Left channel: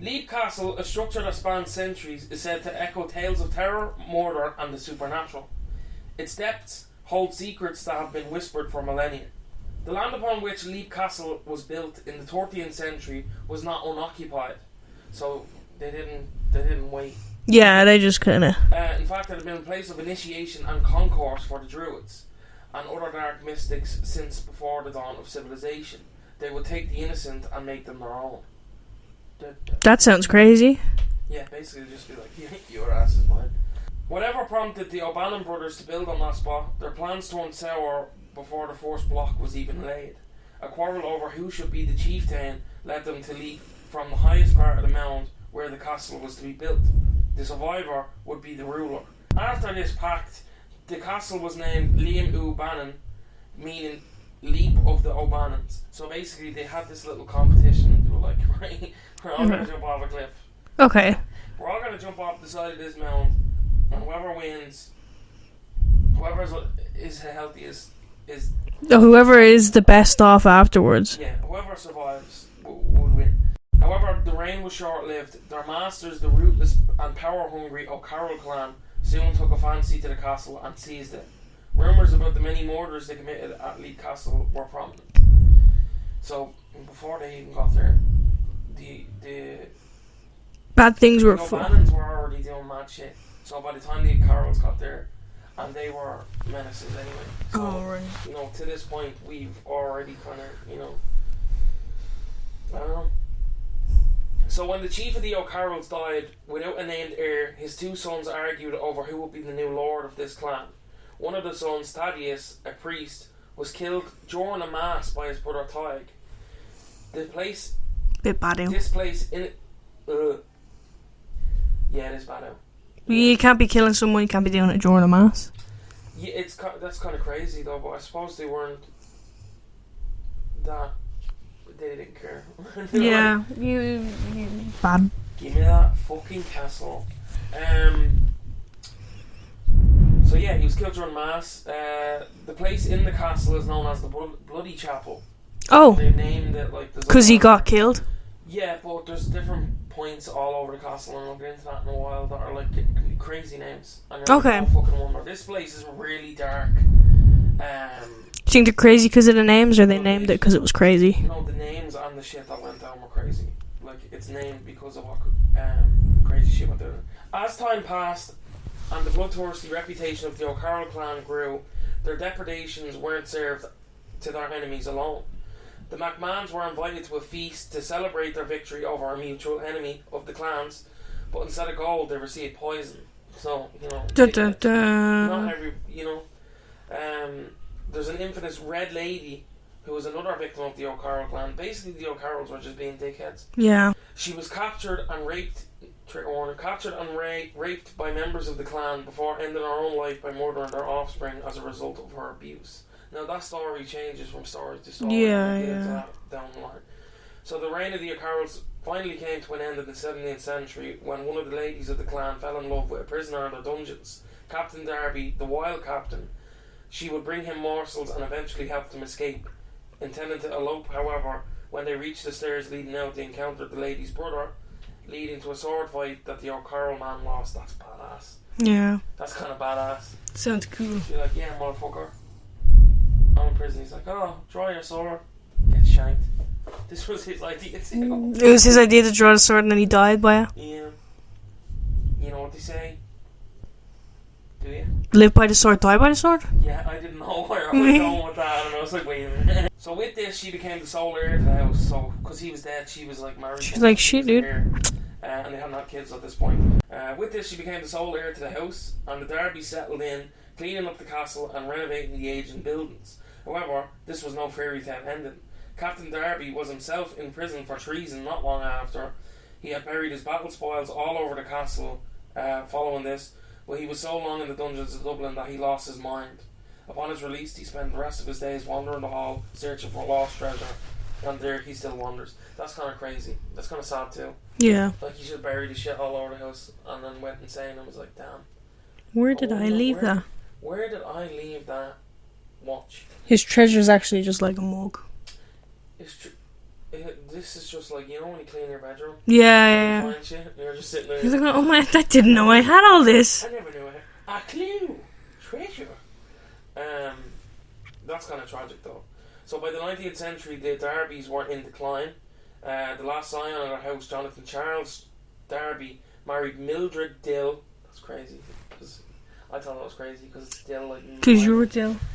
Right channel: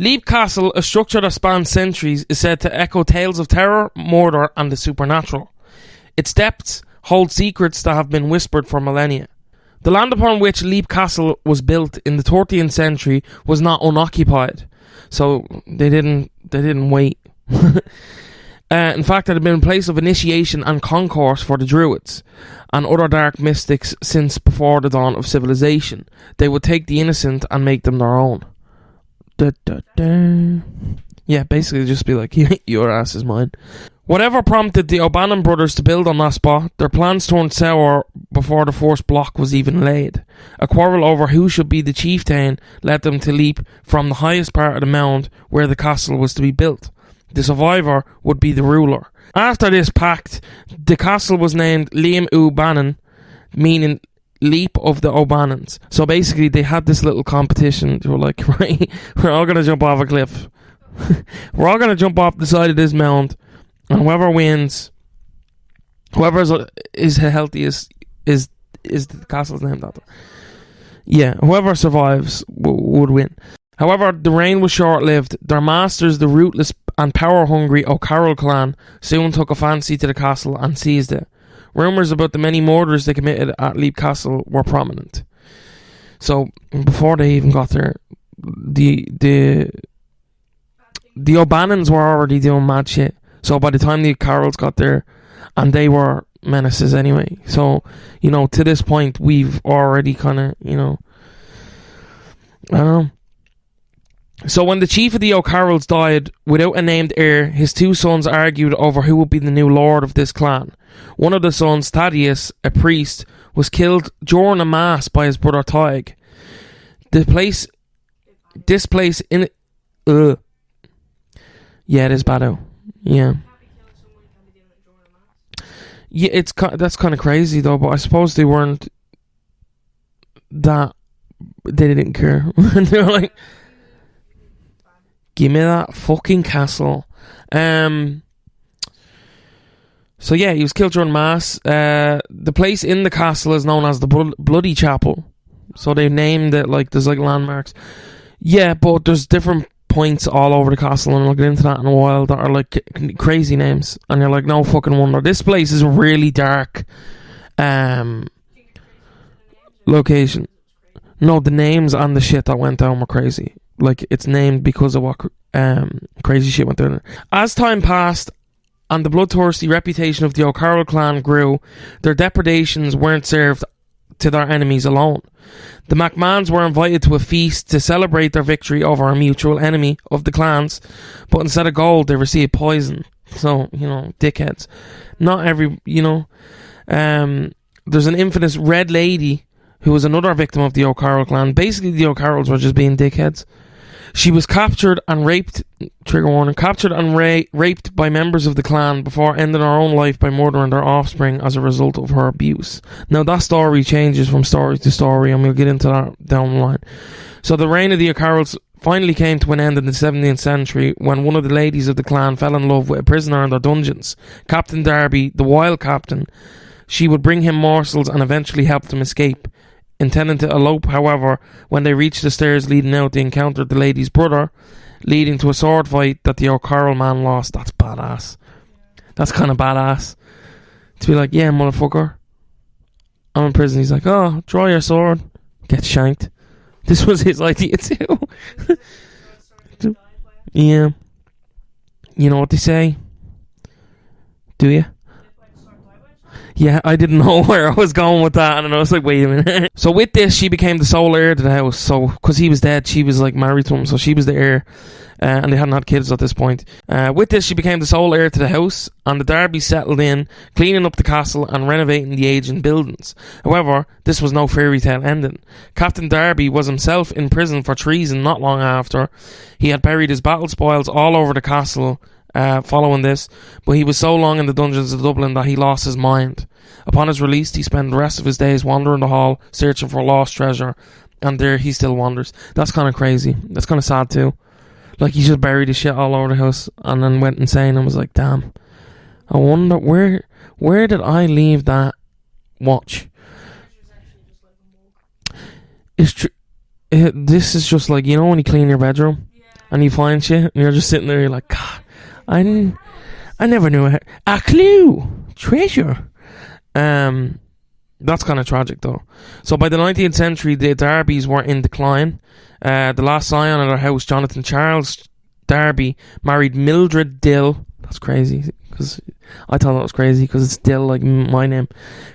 Leap Castle, a structure that spans centuries, is said to echo tales of terror, murder, and the supernatural. Its depths hold secrets that have been whispered for millennia. The land upon which Leap Castle was built in the 13th century was not unoccupied, so they didn't wait. Yeah, they just kind of... In fact, it had been a place of initiation and concourse for the druids and other dark mystics since before the dawn of civilization. They would take the innocent and make them their own. That sounds crazy. Yeah, basically just be like, your ass is mine. Whatever prompted the O'Bannon brothers to build on that spot, their plans turned sour before the first block was even laid. A quarrel over who should be the chieftain led them to leap from the highest part of the mound where the castle was to be built. The survivor would be the ruler. After this pact, the castle was named Liam O'Bannon, meaning leap of the O'Bannons. So basically they had this little competition. They were like, right, we're all going to jump off a cliff. Okay. We're all going to jump off the side of this mound, and whoever wins, whoever is the healthiest is whoever is the best off afterwards. Yeah, whoever survives would win. However, the reign was short-lived. Their masters, the ruthless and power-hungry O'Carroll clan, soon took a fancy to the castle and seized it. Rumours about the many murders they committed at Leap Castle were prominent. So, before they even got there, the bad things the O'Bannons were already doing mad shit. So by the time the O'Carrolls got there, and they were menaces anyway. So, you know, to this point, we've already kind of, you know, I don't know. So when the chief of the O'Carrolls died without a named heir, his two sons argued over who would be the new lord of this clan. One of the sons, Thaddeus, a priest, was killed during a mass by his brother Tig. This place in yeah, it is bad out. Yeah. You can't be killing someone, you can't be doing it during a mass. Yeah, that's kind of crazy though, but I suppose they weren't that, they didn't care. They're yeah, like, you bad. Give me that fucking castle. So yeah, he was killed during mass. The place in the castle is known as the Bloody Chapel. Oh, so they named it like there's like because he got killed. Yeah, but there's different points all over the castle, and I'll get into that in a while, that are like crazy names, and you're like, no fucking wonder. This place is really dark. Do you think they're crazy because of the names, or they named it because it was crazy? No, the names and the shit that went down were crazy. Like, it's named because of what crazy shit went down. As time passed and the bloodthirsty reputation of the O'Carroll clan grew, their depredations weren't served to their enemies alone. The McMahons were invited to a feast to celebrate their victory over a mutual enemy of the clans, but instead of gold they received poison. So, you know, dickheads. Not every, you know. There's an infamous Red Lady who was another victim of the O'Carroll clan. Basically, the O'Carrolls were just being dickheads. Yeah. She was captured and raped, trigger warning, captured and raped by members of the clan before ending her own life by murdering their offspring as a result of her abuse. Now, that story changes from story to story, and we'll get into that down the line. So the reign of the O'Carrolls finally came to an end in the 17th century when one of the ladies of the clan fell in love with a prisoner in their dungeons. Captain Darby, the wild captain, she would bring him morsels and eventually helped him escape. Intending to elope, however, when they reached the stairs leading out, they encountered the lady's brother, leading to a sword fight that the O'Carroll man lost. That's badass. Yeah. That's kind of badass. Sounds cool. To be like, yeah, motherfucker, I'm in prison. He's like, oh, draw your sword. Get shanked. This was his idea too. It was his idea to draw the sword and then he died by it. Yeah. You know what they say? Do you? Live by the sword, die by the sword? Yeah, I didn't know where I was going with that, and I was like, wait a minute. So with this, she became the sole heir to the house. So, because he was dead, she was like married to him, so she was the heir. And they hadn't had kids at this point. With this, she became the sole heir to the house, and the Darbys settled in, cleaning up the castle and renovating the aging buildings. However, this was no fairy tale ending. Captain Darby was himself in prison for treason not long after. He had buried his battle spoils all over the castle following this, but he was so long in the dungeons of Dublin that he lost his mind. Upon his release, he spent the rest of his days wandering the hall, searching for lost treasure, and there he still wanders. That's kind of crazy. That's kind of sad too. Yeah. Like, he just buried his shit all over the house and then went insane and was like, damn. Where did I leave that watch? His treasure's actually just like a mug. His this is just like, you know when you clean your bedroom? Yeah. And you find shit and you're just sitting there, you're like, oh my, I didn't know I had all this. I never knew I had a clue. Treasure. That's kind of tragic though. So by the 19th century, the Darbys were in decline. The last scion of their house, Jonathan Charles Darby, married Mildred Dill. That's crazy, because I thought that was crazy because it's Dill, like my name.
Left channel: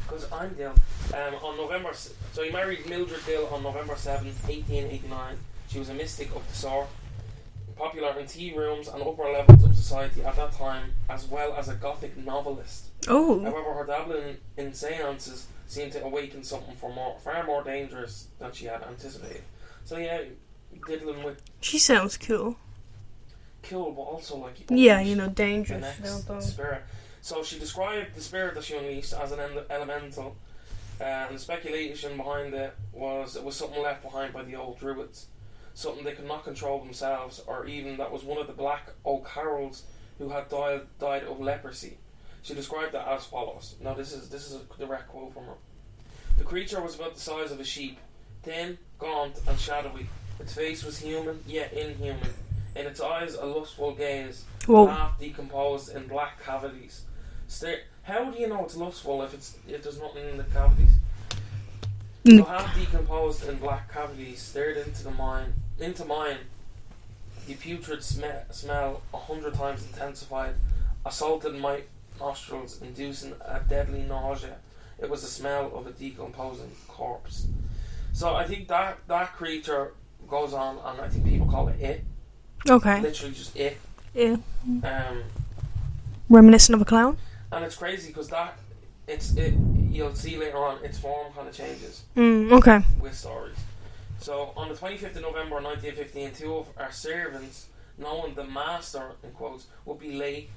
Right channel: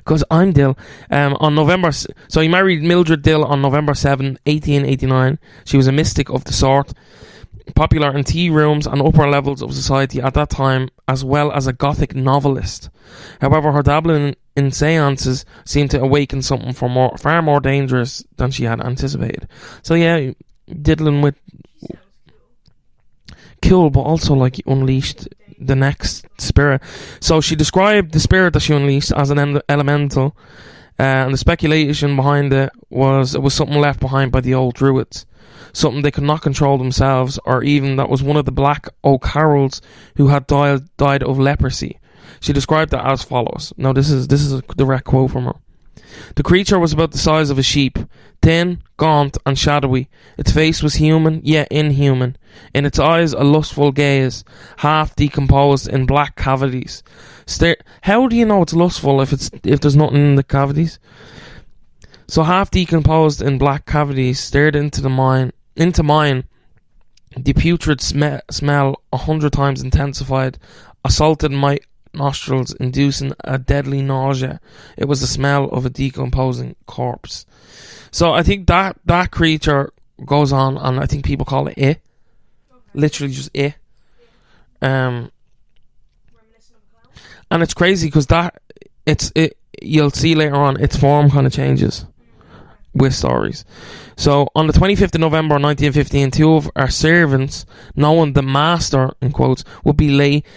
Because I'm Dill. So he married Mildred Dill on November 7, 1889. She was a mystic of the sort, popular in tea rooms and upper levels of society at that time, as well as a gothic novelist. Oh. However, her dabbling in seances seemed to awaken something far more dangerous than she had anticipated. So yeah, diddling with... She sounds cool. Cool, but also like unleashed the next spirit. So she described the spirit that she unleashed as an elemental, and the speculation behind it was something left behind by the old druids. Something they could not control themselves, or even that was one of the black O'Carrolls who had died of leprosy. She described it as follows. Now this is a direct quote from her. The creature was about the size of a sheep, thin, gaunt and shadowy. Its face was human, yet inhuman. In its eyes a lustful gaze, half decomposed in black cavities. How do you know it's lustful if there's nothing in the cavities? So half decomposed in black cavities stared into mine. The putrid smell 100 times intensified, assaulted my nostrils, inducing a deadly nausea. It was the smell of a decomposing corpse. So I think that creature goes on, and I think people call it it. Okay. Literally just it. Yeah. Reminiscent of a clown. And it's crazy because you'll see later on its form kind of changes. Okay. With stories. So on the 25th of November 1915, two of our servants, knowing the master in quotes would be late,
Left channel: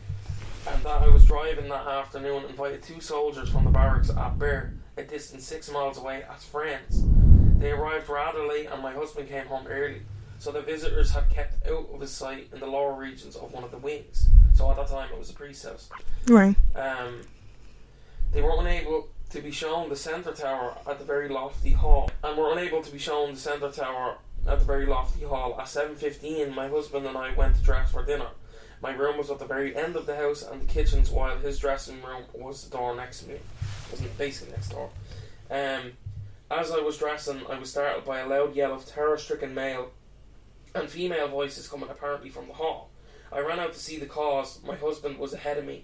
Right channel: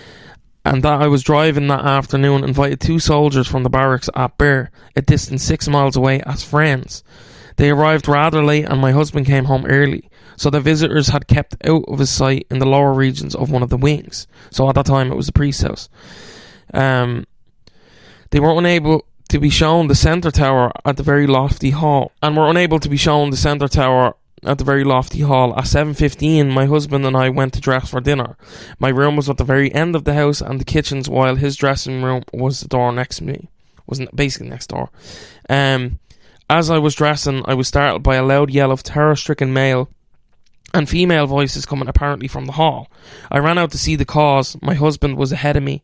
and that I was driving that afternoon, invited two soldiers from the barracks at Birr, a distance 6 miles away, as friends. They arrived rather late, and my husband came home early, so the visitors had kept out of his sight in the lower regions of one of the wings. So at that time it was the priest's house. Right. They were unable to be shown the centre tower at the very lofty hall, At 7:15, my husband and I went to dress for dinner. My room was at the very end of the house, and the kitchen's, while his dressing room was the door next to me. Was basically next door. As I was dressing, I was startled by a loud yell of terror-stricken male and female voices coming apparently from the hall. I ran out to see the cause. My husband was ahead of me,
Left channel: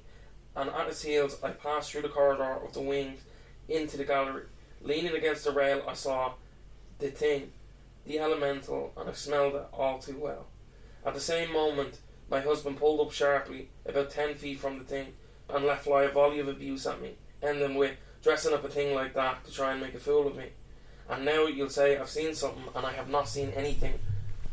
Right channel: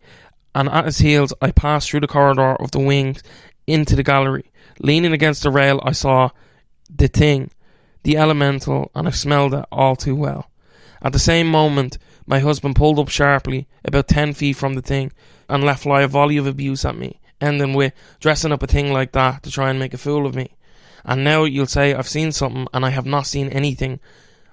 and at his heels I passed through the corridor of the wings into the gallery. Leaning against the rail, I saw the thing, the elemental, and I smelled it all too well. At the same moment, my husband pulled up sharply, about 10 feet from the thing, and let fly a volley of abuse at me, ending with dressing up a thing like that to try and make a fool of me. And now you'll say I've seen something, and I have not seen anything,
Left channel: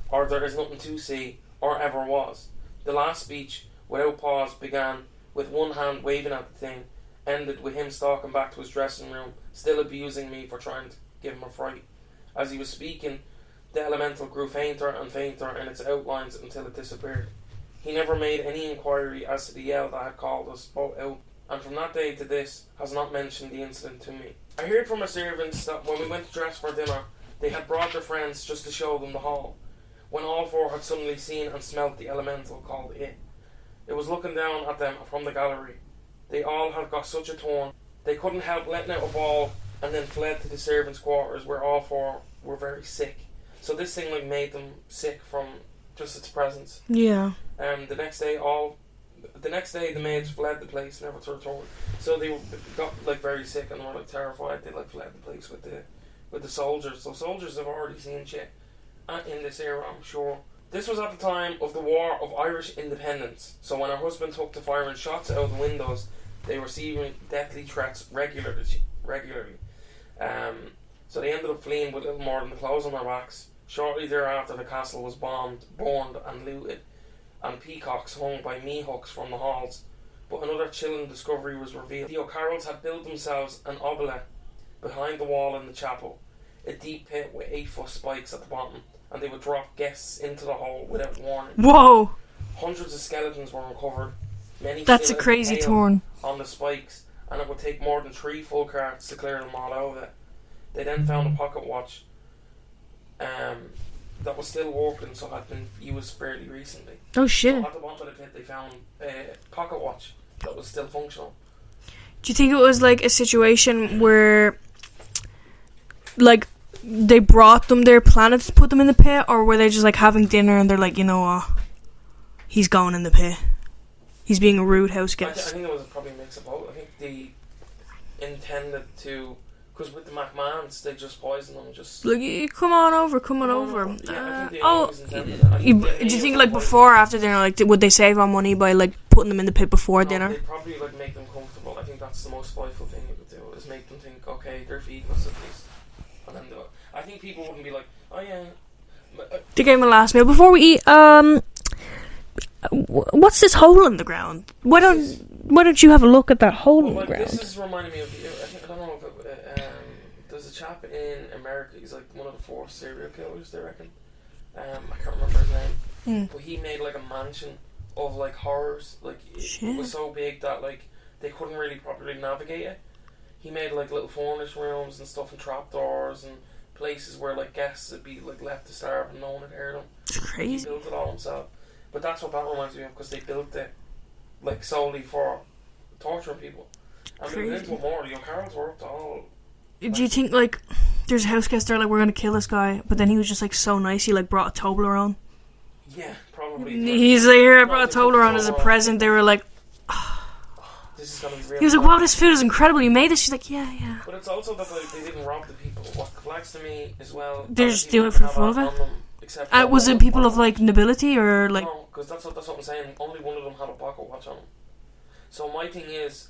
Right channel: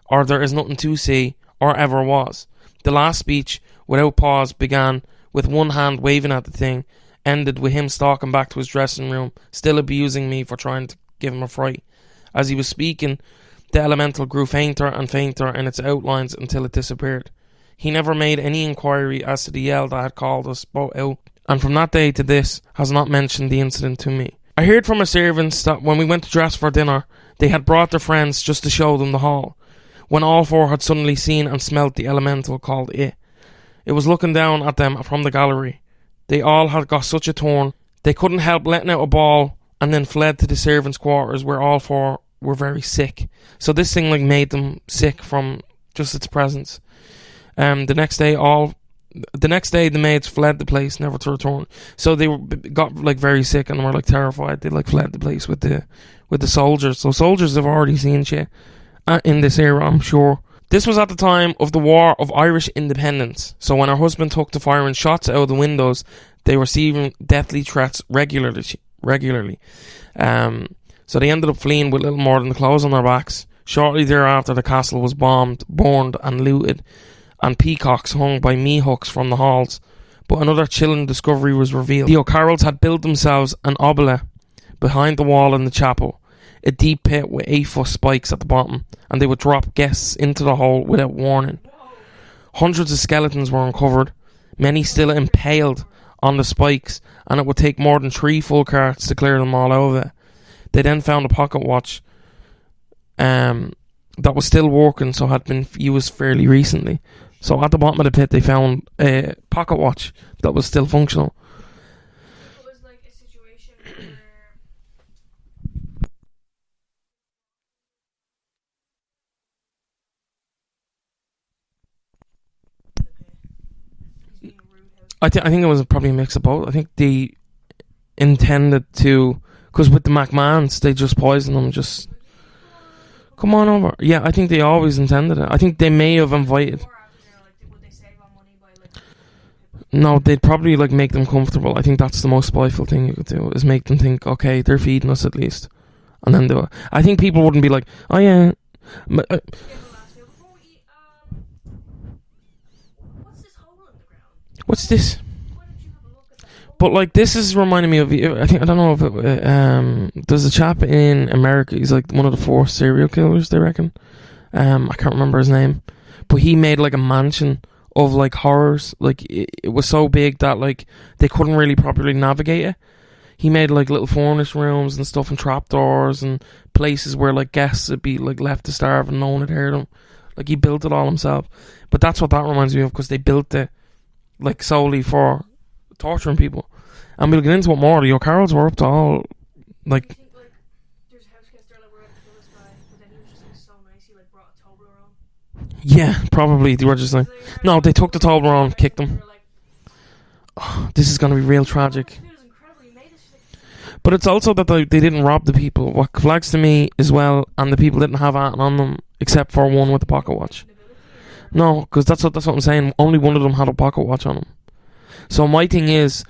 or there is nothing to see, or ever was. The last speech, without pause, began with one hand waving at the thing, ended with him stalking back to his dressing room, still abusing me for trying to give him a fright. As he was speaking, the elemental grew fainter and fainter in its outlines until it disappeared. He never made any inquiry as to the yell that had called us both out, and from that day to this has not mentioned the incident to me. I heard from our servants that when we went to dress for dinner, they had brought their friends just to show them the hall, when all four had suddenly seen and smelt the elemental called it. It was looking down at them from the gallery. They all had got such a turn, they couldn't help letting out a bawl, and then fled to the servants' quarters, where all four were very sick. So this thing made them sick from just its presence. Yeah. The next day the maids fled the place, never to return. So they got very sick and were terrified. They fled the place with the soldiers. So soldiers have already seen shit in this era, I'm sure. This was at the time of the War of Irish Independence. So when her husband took to firing shots out of the windows, they were receiving deathly threats regularly. So they ended up fleeing with little more than the clothes on their backs. Shortly thereafter, the castle was bombed, burned and looted, and peacocks hung by mee-hooks from the halls. But another chilling discovery was revealed. The O'Carrolls had built themselves an obelisk behind the wall in the chapel, a deep pit with 8-foot spikes at the bottom, and they would drop guests into the hole without warning. Whoa! Hundreds of skeletons were uncovered, many still impaled on the spikes, and it would take more than 3 full carts to clear them all out of it. They then found a pocket watch that was still working, so had been used fairly recently. Oh shit! So at the bottom of the pit, they found a pocket watch that was still functional. Do you think it was like a situation where, like, they brought them their planet to put them in the pit, or were they just like having dinner and they're like, you know what, he's going in the pit. He's being a rude house guest. I think it was probably a mix of both. I think they intended to, because with the McMahons, they just poisoned them. Just like, come on over. Yeah, I think they always intended it. I think they may have invited. Like before or after dinner, like would they save on money by like putting them in the pit before dinner? No, they'd probably like make them comfortable. I think that's the most spiteful thing you could do, is make them think, okay, they're feeding us at least, and then do it. I think people wouldn't be like, oh yeah. They gave him a last meal before we eat. What's this hole in the ground? What's this? Why don't you have a look at that hole? But like, this is reminding me of. I don't know if it. There's a chap in America. He's like one of the 4 serial killers, they reckon. I can't remember his name, but he made like a mansion of like horrors. Like it was so big that like they couldn't really properly navigate it. He made like little furnace rooms and stuff, and trapdoors and places where like guests would be like left to starve and no one had heard them. Like he built it all himself. But that's what that reminds me of, because they built it like solely for torturing people. And we'll get into it more. The O'Carrolls were up to all. Like, do you think like there's a house guest there like, we're gonna kill this guy, but then he was just like so nice, he like brought a Toblerone? Yeah, probably. They were just He's like, here, no, they took the Toblerone as a and present. kicked They him. were like, this is going to be real he was tragic. like, wow, this food is incredible. You made this. She's like, yeah. But it's also that they didn't rob the people. What flags to me as well, They and the just people do it didn't have for anything fun. on them except for Was one it with people pocket of like watch. nobility or like? No, because that's what I'm saying. Only one of them had a pocket watch on him. So my thing is,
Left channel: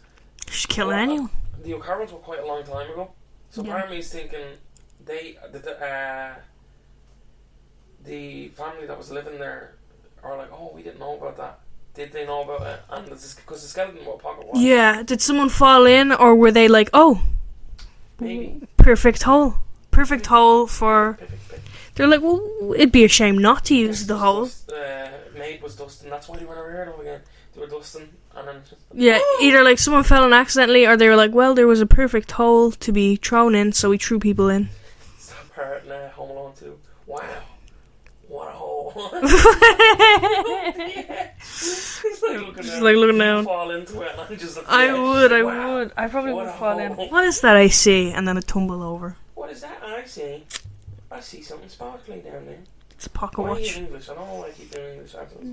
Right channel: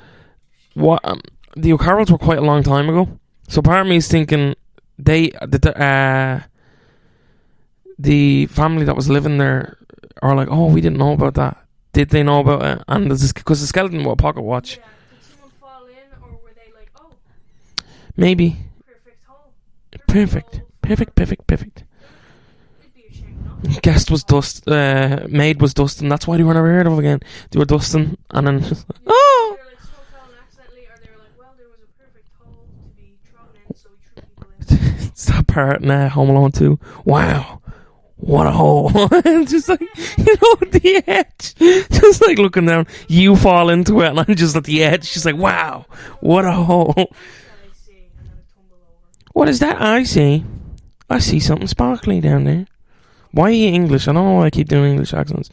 Just kill anyone. the O'Carrolls were quite a long time ago. So part of me is thinking the family that was living there are like, oh, we didn't know about that. Did they know about it? And because the skeleton with a pocket watch. Yeah. Did someone fall in, or were they like, oh, maybe perfect hole. Perfect hole for. Perfect. They're like, well, it'd be a shame not to use Guest the was hole. maid was dusting. That's why they were never heard of again. They were dusting, and then just like, Yeah, either like someone fell in accidentally, or they were like, well, there was a perfect hole to be thrown in, so we threw people in. it's that part in Home Alone 2. Wow, what a hole! Just like, the edge, just like looking down. Like looking you down. fall into it, and I'm just at the edge, just like, wow, what a hole! What is that I see? And then it tumble over. What is that I see? I see something sparkly down there. It's a pocket Why are watch. you English? I don't know why I keep doing English accents.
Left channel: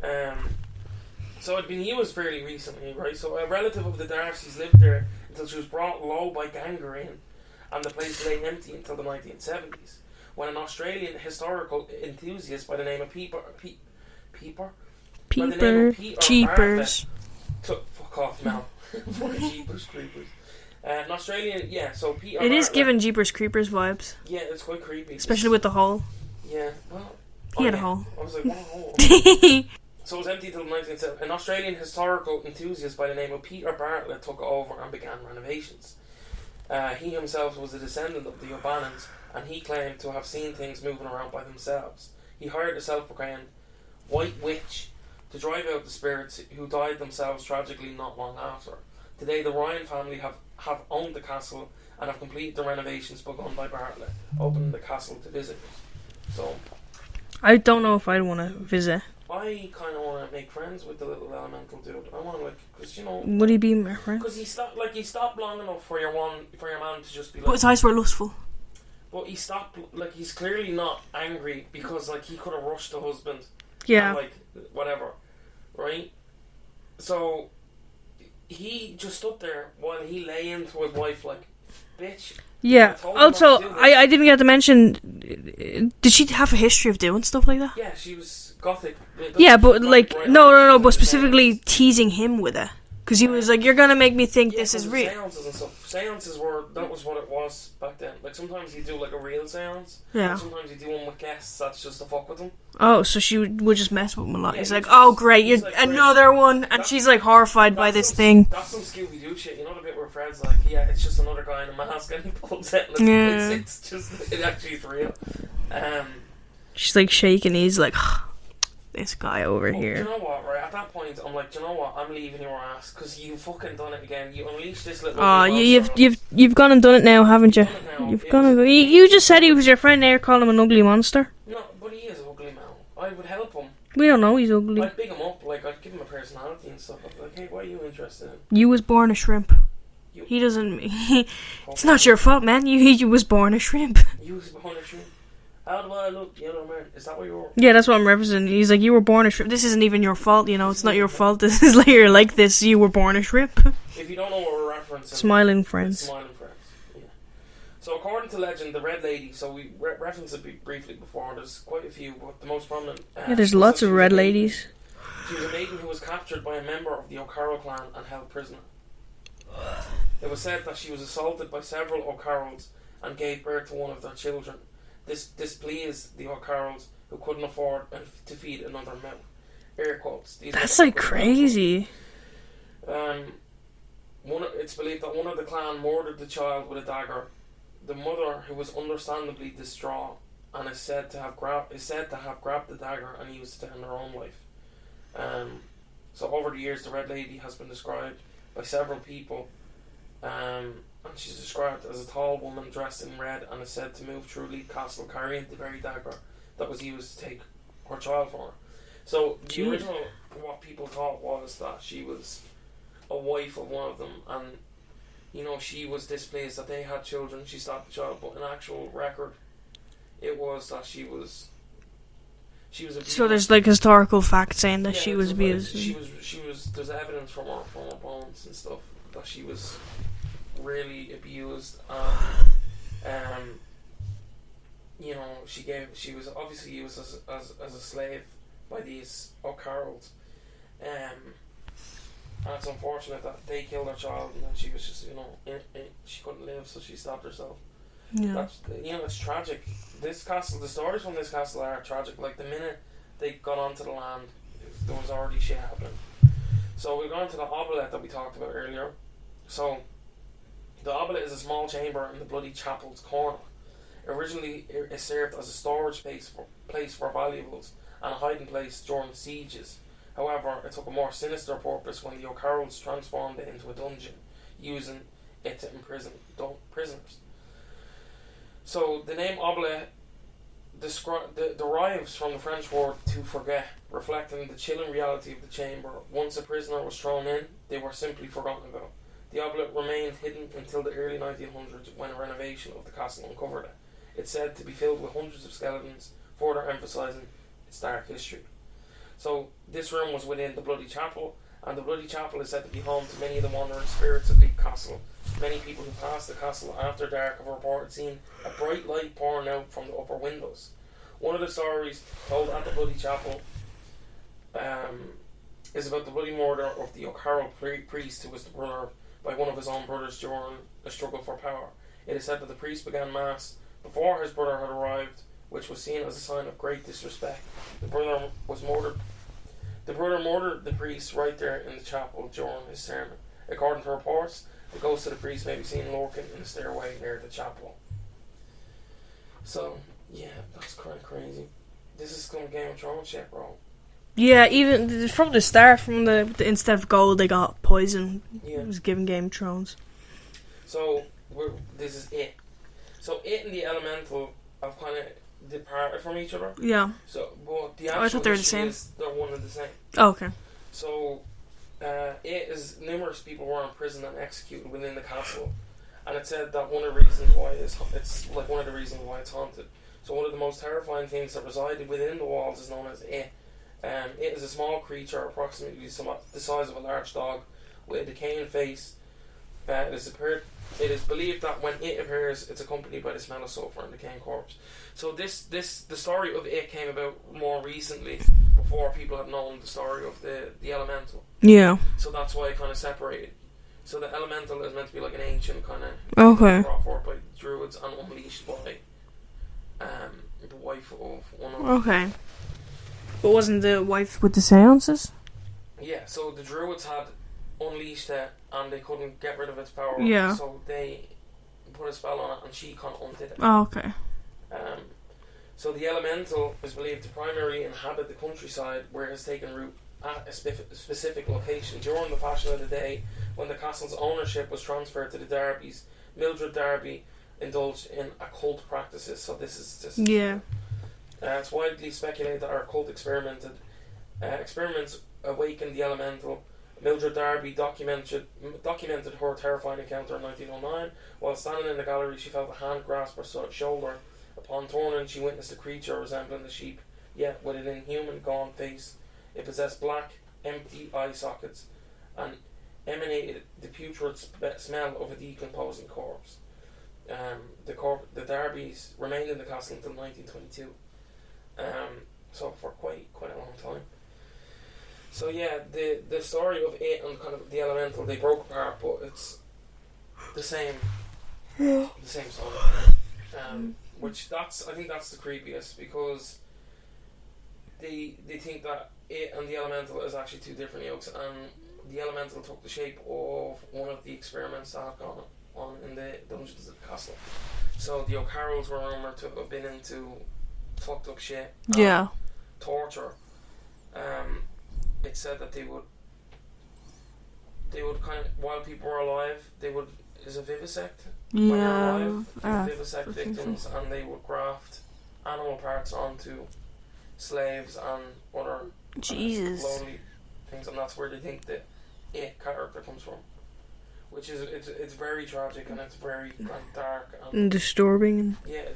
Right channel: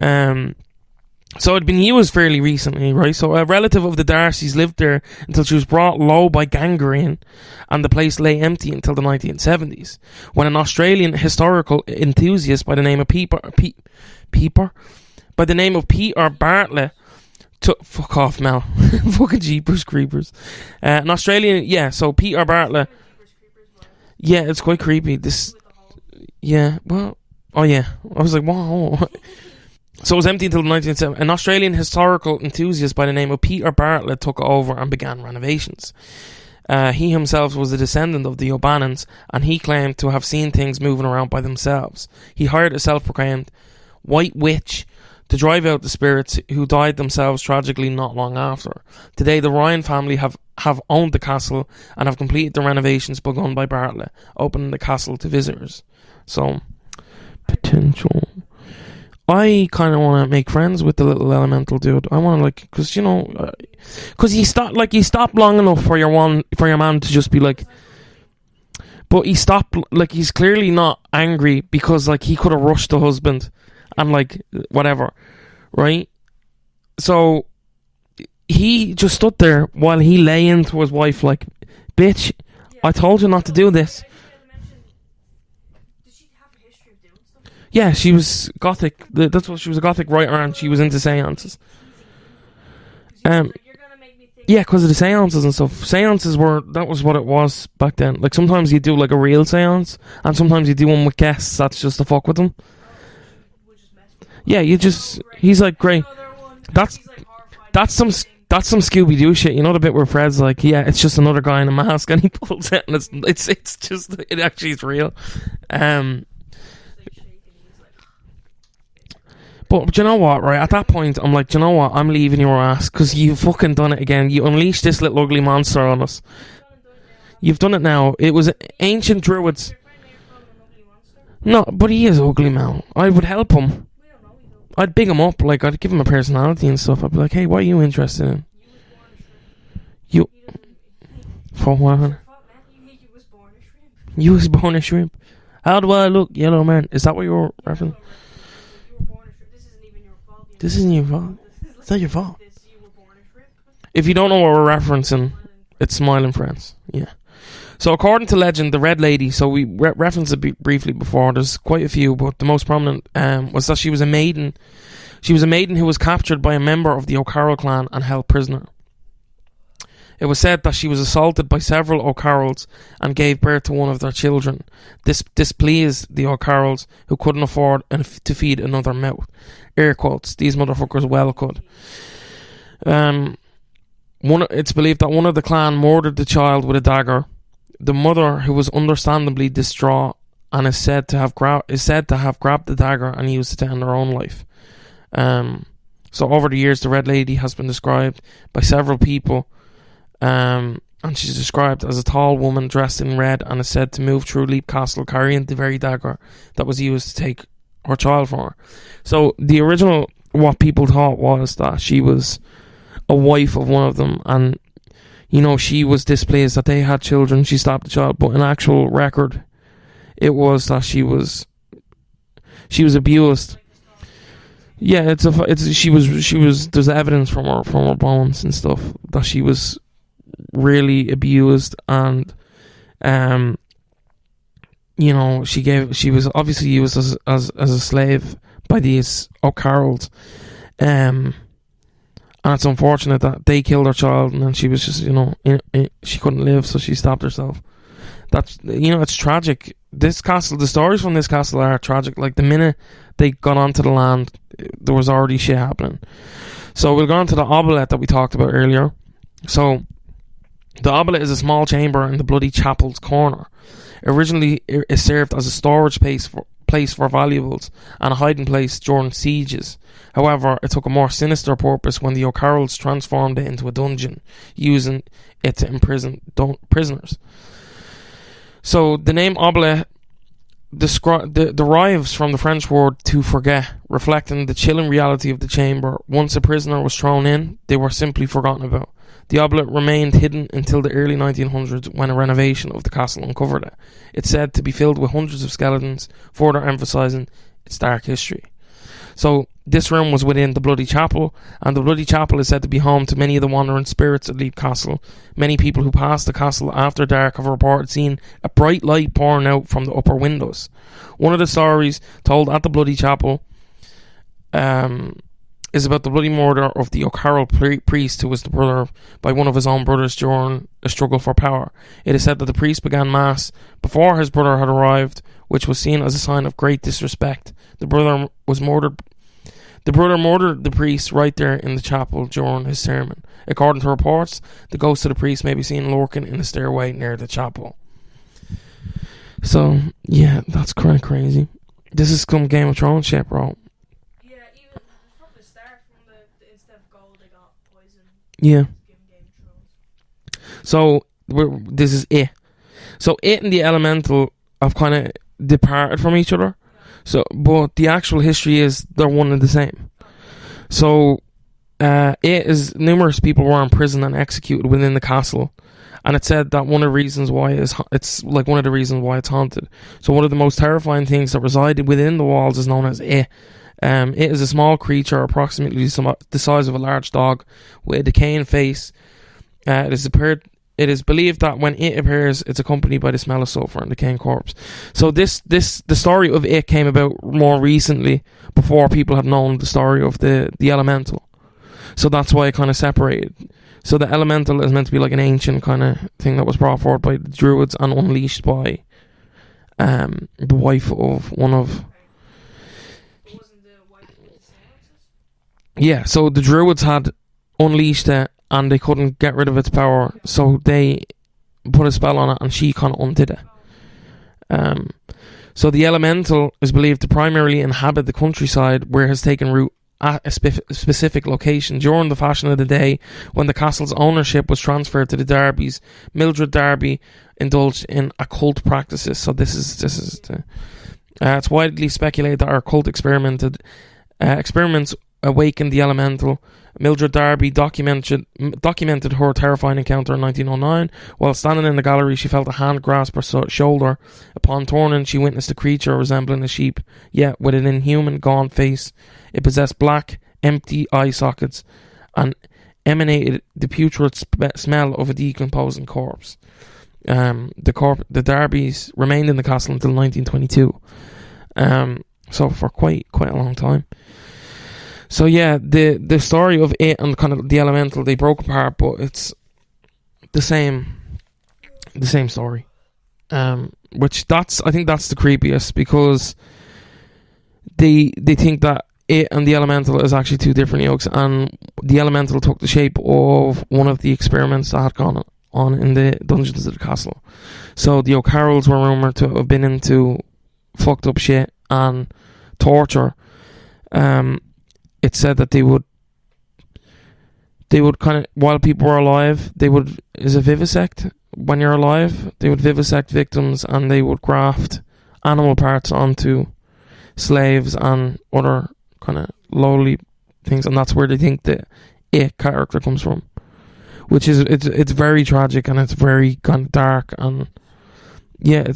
So it'd been used fairly recently, right? So a relative of the Darcys lived there until she was brought low by gangrene, and the place lay empty until the 1970s, when an Australian historical enthusiast by the name of Peter Bartlett fuck off, Mel. Fucking Jeepers Creepers. An Australian, so Peter It is Bartlett. giving Jeepers Creepers vibes, Yeah, it's quite creepy. especially with the hole. Yeah, well, oh Yeah, yeah. hole. I was like, wow. So it was empty until 1970. An Australian historical enthusiast by the name of Peter Bartlett took over and began renovations. He himself was a descendant of the O'Bannons, and he claimed to have seen things moving around by themselves. He hired a self-proclaimed white witch to drive out the spirits, who died themselves tragically not long after. Today, the Ryan family have owned the castle and have completed the renovations begun by Bartlett, opening the castle to visitors. So, I don't know if I want to visit. I kind of want to make friends with the little elemental dude. I want to because Would he be my friend? because he stopped long enough for your man to just be like. But his eyes were lustful. But he stopped, like, he's clearly not angry because, like, he could have rushed the husband and, like, whatever, right? So he just stood there while he lay into his wife like, bitch, Yeah. I told you not to do this. I didn't get to mention. Did she have a history of doing stuff like that? Yeah, she was gothic. She Yeah, was but gothic like right no, around. She was but into specifically seances. teasing him with it, because he was like, "You're gonna make me think." Yeah, this because of is the real." seances and stuff. Seances that was what it was back then. Like, sometimes you do like a real seance, Yeah. and sometimes you do one with guests that's just to fuck with them. Oh, so she would just mess with him a lot. Yeah, He's you like, just- oh great, he's you're like, great. another one, and That's- she's like horrified by That's this thing. That's some Scooby Doo shit. You know the bit where Fred's like, yeah, it's just another guy in a mask, and he pulls it, and it's actually real. She's like shaking. He's like, this guy over But here. do you know what, right? At that point, I'm like, do you know what? I'm leaving your ass because you've fucking done it again. You unleashed this little ugly monster on us. You've gone and done it now, haven't you? You've done it now. It was you ancient just said he druids. was your friend. Now you're calling him an ugly monster. No, but he is ugly, man. I would help him. We don't know he's ugly. I'd big him up. Like, I'd give him a personality and stuff. I'd be like, hey, what are you interested in? You was born a shrimp. He doesn't. It's not your fault, man. You was born a shrimp. You was born a shrimp. How do I look, yellow man? Is that what you were? Yeah, that's what I'm referencing. He's like, you were born a shrimp. This isn't even your fault, you know. It's not your fault. This is like you're like this. You were born a shrimp. If you don't know what we're referencing, Smiling Friends. It's Smiling Friends. Yeah. So according to legend, the Red Lady. So we referenced it briefly before. There's quite a few, but the most prominent was that she was a maiden. Ladies. She was a maiden who was captured by a member of the O'Carroll clan and held prisoner. It was said that she was assaulted by several O'Carrolls and gave birth to one of their children. This displeased the O'Carrolls, who couldn't afford to feed another mouth. Air quotes. These motherfuckers well crazy. It's believed that one of the clan murdered the child with a dagger. The mother, who was understandably distraught, and is said to have grabbed the dagger and used it to end her own life. So over the years, the Red Lady has been described by several people. And she's described as a tall woman dressed in red and is said to move through Leap Castle carrying the very dagger that was used to take her child from her. So the original, what people thought was that she was a wife of one of them, and you know, she was displeased that they had children. She stopped the child, but in actual record, it was that she was abused. So there's like historical facts saying that she was. There's evidence from her bones and stuff that she was really abused, and you know, she was obviously used as a slave by these O'Carrolls, and it's unfortunate that they killed her child, and then she was just, you know, she couldn't live, so she stopped herself. Yeah. That's, you know, it's tragic. The stories from this castle are tragic. Like, the minute they got onto the land, there was already shit happening. So we'll go on to the obelette that we talked about earlier. So the obelette is a small chamber in the Bloody Chapel's corner. Originally, it served as a storage place for valuables and a hiding place during sieges. However, it took a more sinister purpose when the O'Carrolls transformed it into a dungeon, using it to imprison prisoners. So the name obelette derives from the French word to forget, reflecting the chilling reality of the chamber. Once a prisoner was thrown in, they were simply forgotten about. The obelette remained hidden until the early 1900s, when a renovation of the castle uncovered it. It's said to be filled with hundreds of skeletons, further emphasising its dark history. So this room was within the Bloody Chapel, and the Bloody Chapel is said to be home to many of the wandering spirits of Leap Castle. Many people who pass the castle after dark have reported seeing a bright light pouring out from the upper windows. One of the stories told at the Bloody Chapel is about the bloody murder of the O'Carroll priest, who was the brother by one of his own brothers during a struggle for power. It is said that the priest began mass before his brother had arrived, which was seen as a sign of great disrespect. The brother murdered the priest right there in the chapel during his sermon. According to reports, the ghost of the priest may be seen lurking in the stairway near the chapel. So, yeah, that's kind of crazy. This is some Game of Thrones shit, bro. Yeah, even from the start, from the instead of gold, they got poison. Yeah. It was given Game of Thrones. So, this is it. So, it and the elemental have kind of departed from each other. Yeah. So, but the actual history is they're one and the same. Oh, okay. So, it is numerous people were imprisoned and executed within the castle, and it said that one of the reasons why it's one of the reasons why it's haunted. So, one of the most terrifying things that resided within the walls is known as it. It is a small creature, approximately the size of a large dog, with a decaying face. It is believed that when it appears, it's accompanied by the smell of sulfur and decaying corpse. So the story of it came about more recently, before people had known the story of the elemental. Yeah. So that's why it kind of separated. So the elemental is meant to be like an ancient kind of thing that was brought forward by the druids and unleashed by the wife of one of... Okay. But wasn't the wife with the seances? Yeah, so the druids had unleashed it and they couldn't get rid of its power. Yeah. So they put a spell on it and she kind of undid it. Oh, okay. So the elemental is believed to primarily inhabit the countryside, where it has taken root at a specific location. During the fashion of the day, when the castle's ownership was transferred to the Darbys, Mildred Darby indulged in occult practices. So this is it's widely speculated that our occult experiments awakened the elemental. Mildred Darby documented her terrifying encounter in 1909. While standing in the gallery, she felt a hand grasp her shoulder. Upon turning, she witnessed a creature resembling a sheep, yet with an inhuman, gaunt face. It possessed black, empty eye sockets and emanated the putrid smell of a decomposing corpse. The Darbys remained in the castle until 1922. So for quite a long time. So yeah, the story of it and kind of the elemental, they broke apart, but it's the same story. Which I think that's the creepiest, because they think that it and the elemental is actually two different yokes, and the elemental took the shape of one of the experiments that had gone on in the dungeons of the castle. So the O'Carrolls were rumoured to have been into fucked up shit and torture. It said that they would kind of, while people were alive, they would, is it vivisect? When you're alive, they would vivisect victims, and they would graft animal parts onto slaves and other kind of lowly things, and that's where they think the it character comes from, which is it's very tragic, and it's very kind of dark and disturbing. Yeah,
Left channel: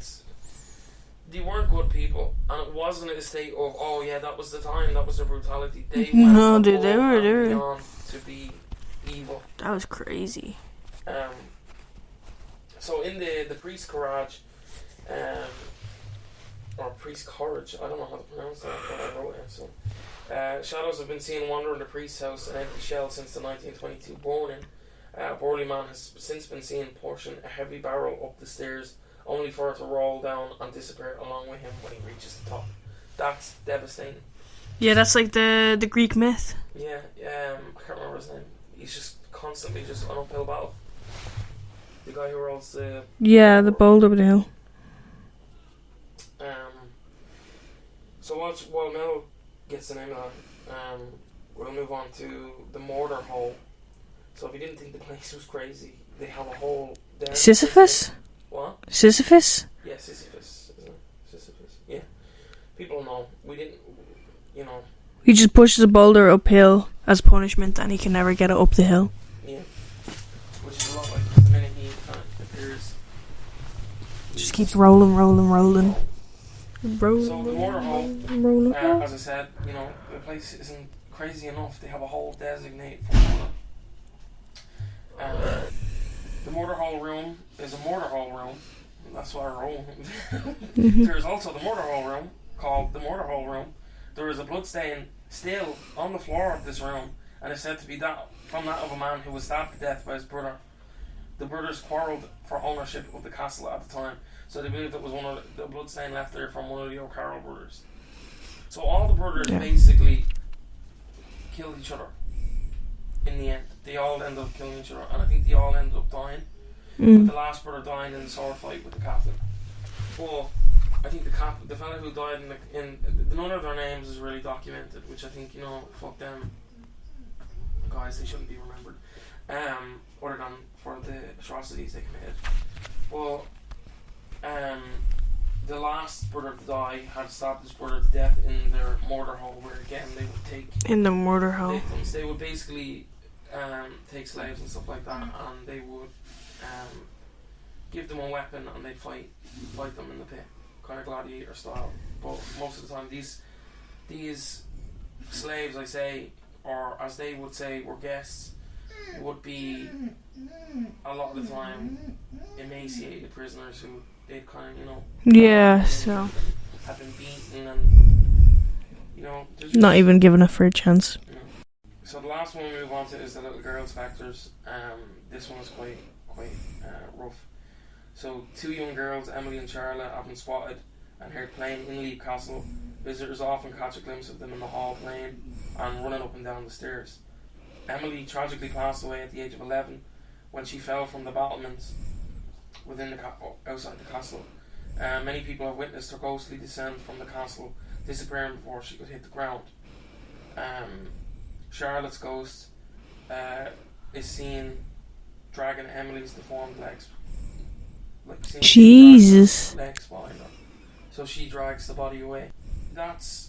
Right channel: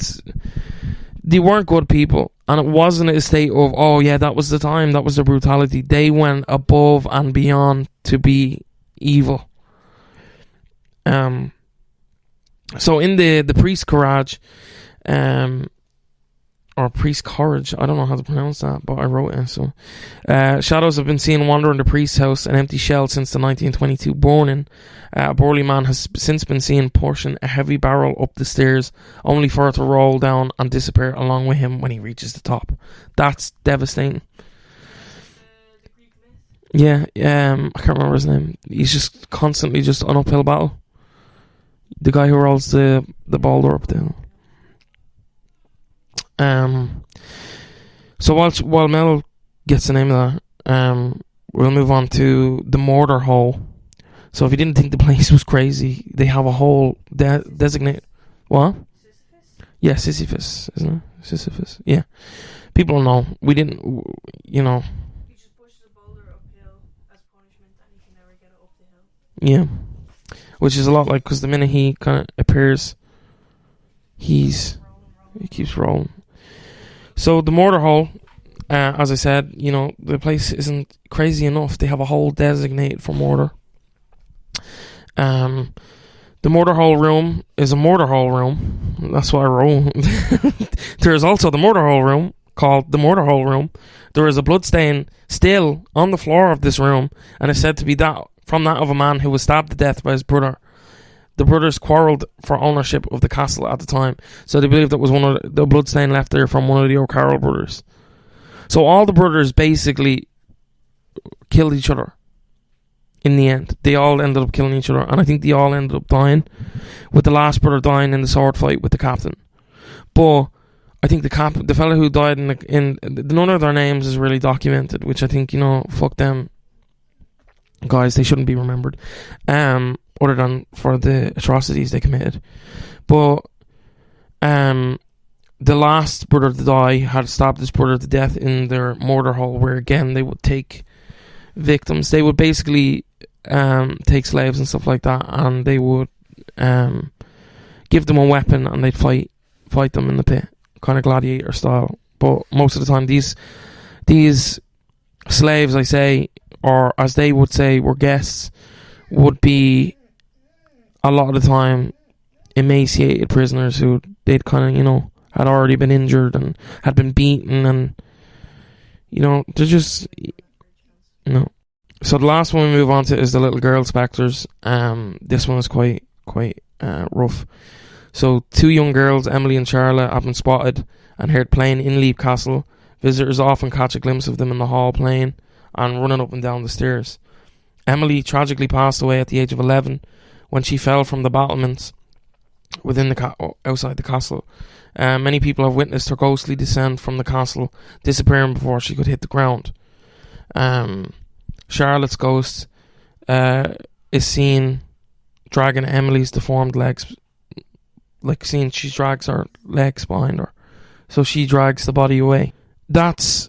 they weren't good people, and it wasn't a state of, oh yeah, that was the time, that was the brutality. They went above and beyond to be evil. That was crazy. So in the priest garage, or priest courage, I don't know how to pronounce that, but I wrote it. So shadows have been seen wandering the priest's house, an empty shell since the 1922 burning. A burly man has since been seen pushing a heavy barrel up the stairs, only for it to roll down and disappear along with him when he reaches the top. That's devastating. Yeah, that's like the Greek myth. Yeah, I can't remember his name. He's just constantly just an uphill battle. The guy who rolls the boulder up the hill. So while Mel gets the name of that, we'll move on to the murder hole. So if you didn't think the place was crazy, they have a whole Sisyphus? What? Sisyphus? Yeah, Sisyphus, isn't it? Sisyphus. Yeah. People don't know. We didn't, He just pushes a boulder uphill as punishment, and he can never get it up the hill. Yeah. Which is a lot like, because the minute he kind of appears, he's just rolling. So the murder hole, as I said, the place isn't crazy enough. They have a hole designated for murder. The murder hole room is a murder hole room. That's what I wrote. There is also the murder hole room, called the murder hole room. There is a bloodstain still on the floor of this room, and is said to be that of a man who was stabbed to death by his brother. The brothers quarrelled for ownership of the castle at the time, so they believe that was one of the bloodstain left there from one of the O'Carroll brothers. So all the brothers basically killed each other. In the end, they all ended up killing each other, and I think they all ended up dying, with the last brother dying in the sword fight with the captain. But I think the fella who died in none of their names is really documented, which I think, fuck them guys, they shouldn't be remembered, other than for the atrocities they committed. But the last brother to die had stabbed his brother to death in their murder hole, where again they would take in the murder hole victims. They would basically take slaves and stuff like that, and they would give them a weapon, and they'd fight them in the pit, kind of gladiator style. But most of the time, these slaves, I say, or as they would say, were guests, would be a lot of the time emaciated prisoners who they'd kind of had already been injured and had been beaten, and they're just not even given a fair chance. No. So the last one we move on to is the little girl spectres. This one is quite rough. So 2 young girls, Emily and Charlotte, have been spotted and heard playing in Leap Castle. Visitors often catch a glimpse of them in the hall playing and running up and down the stairs. Emily tragically passed away at the age of 11 when she fell from the battlements within outside the castle. Many people have witnessed her ghostly descent from the castle, disappearing before she could hit the ground. Charlotte's ghost is seen dragging Emily's deformed legs, like seeing she drags her legs behind her, so she drags the body away. That's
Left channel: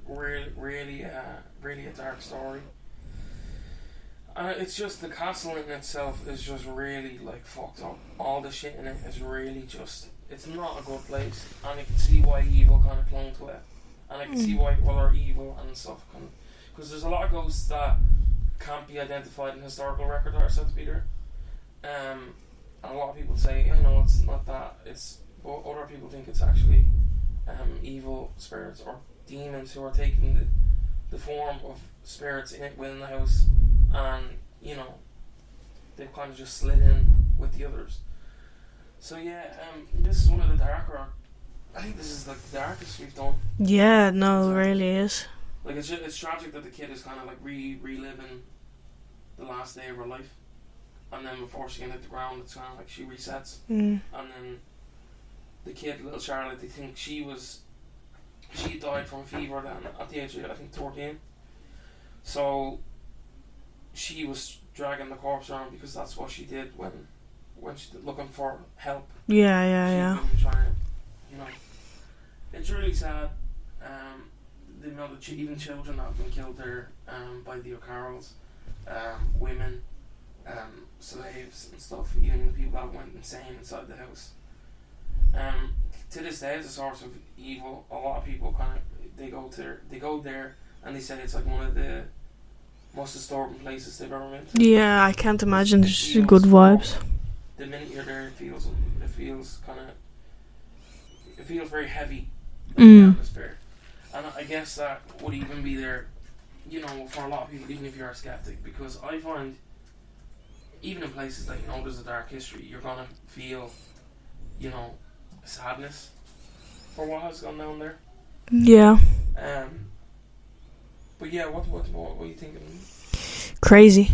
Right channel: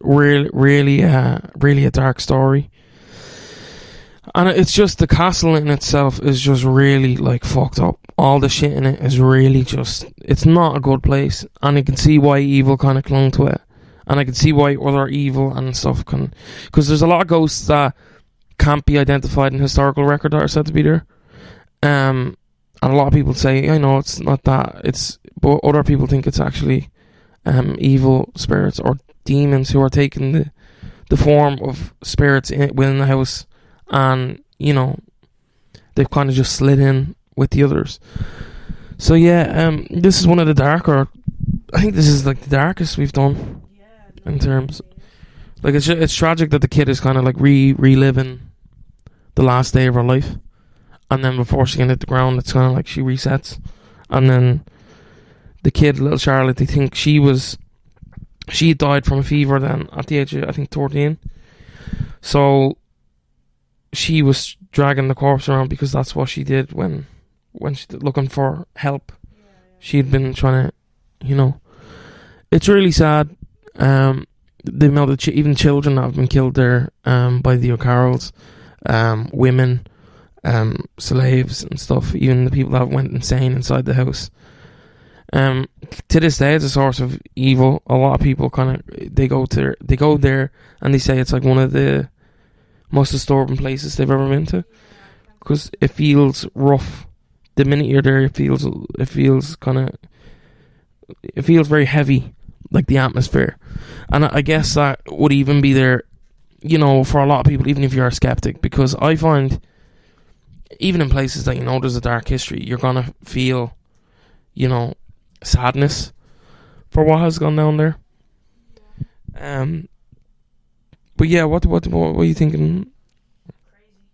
really a dark story, and it's just the castle in itself is just really like fucked up. All the shit in it is really just, it's not a good place, and you can see why evil kind of clung to it, and I can see why other evil and stuff can, because there's a lot of ghosts that can't be identified in historical record that are said to be there, and a lot of people say, I know it's not that, but other people think it's actually evil spirits or demons who are taking the form of spirits within the house, and you know, they've kind of just slid in with the others. So yeah, this is one of the darker, I think this is like the darkest we've done. Yeah, no, it really is. Like it's tragic that the kid is kind of like reliving the last day of her life, and then before she can hit the ground, it's kind of like she resets, and then the kid, little Charlotte, they think she died from a fever then at the age of, I think, 13. So she was dragging the corpse around because that's what she did when she looking for help. She'd been trying to, you know, it's really sad. The amount of even children that have been killed there by the O'Carrolls, women, slaves and stuff, even the people that went insane inside the house. To this day, it's a source of evil. A lot of people kind of they go there and they say it's like one of the most disturbing places they've ever been to. Yeah, I can't imagine. It feels rough. The minute you're there, it feels very heavy, like the atmosphere. And I guess that would even be there, you know, for a lot of people, even if you're a skeptic, because I find even in places that, you know, there's a dark history, you're gonna feel, you know, sadness for what has gone down there. Yeah. But yeah, what are you thinking? Crazy.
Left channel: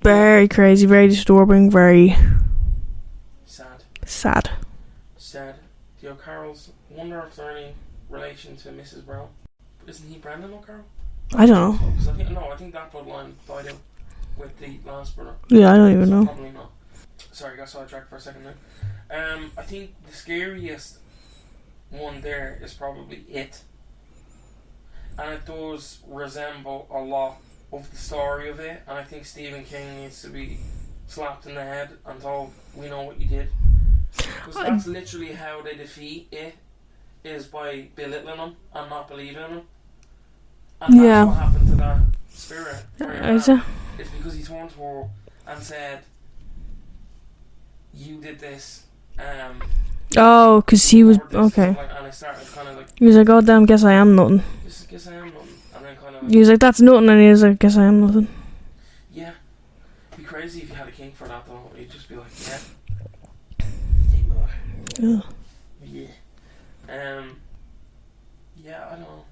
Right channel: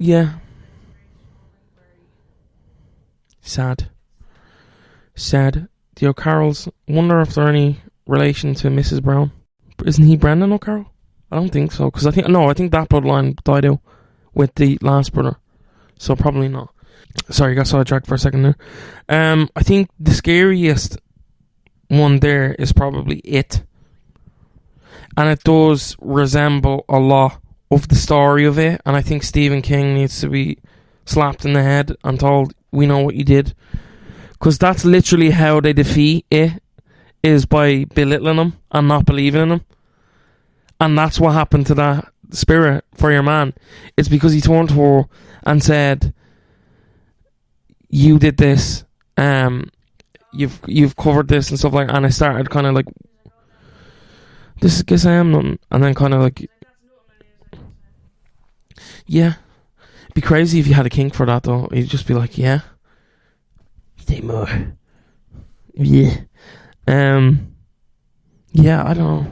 Very crazy, very disturbing, very sad. The O'Carrolls, wonder if they're any relation to Mrs. Brown. Isn't he Brendan O'Carroll? I don't think so, because I think that bloodline died out with the last brother. Yeah, I don't even know. So probably not. Sorry, I got sidetracked for a second there. I think the scariest one there is probably It. And it does resemble a lot of the story of it, and I think Stephen King needs to be slapped in the head and told, we know what you did. Because that's literally how they defeat it, is by belittling him and not believing in him. And that's what happened to that spirit for your man. It's because he turned to her and said, you did this, because you've covered this and stuff like that. And I started kind of like, he was like, oh damn, guess I am nothing. Guess I am nothing. And then kind of like, he was like, that's nothing. And he was like, guess I am nothing. Yeah. It'd be crazy if you had a kink for that though. You'd just be like, yeah, say more. Yeah. Yeah, I don't know.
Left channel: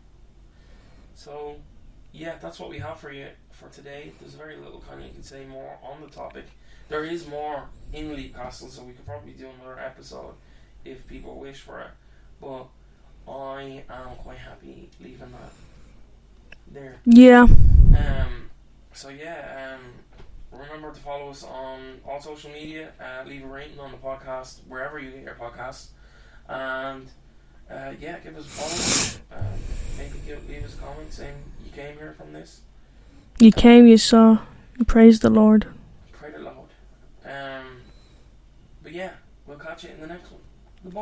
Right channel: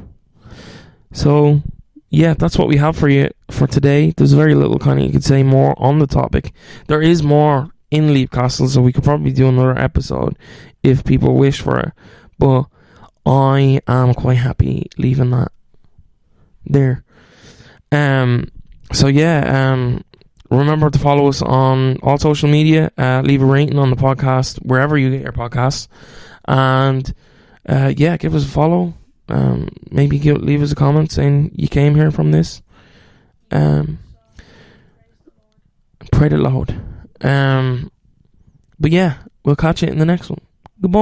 So yeah, that's what we have for you for today. There's very little kind of, you could say, more on the topic. There is more in Leap Castle, so we could probably do another episode if people wish for it, but I am quite happy leaving that there. So remember to follow us on all social media, leave a rating on the podcast wherever you get your podcasts, and give us a follow. Maybe leave us a comment saying you came here from this, you came, you saw, praise the Lord. But yeah, we'll catch you in the next one. Goodbye.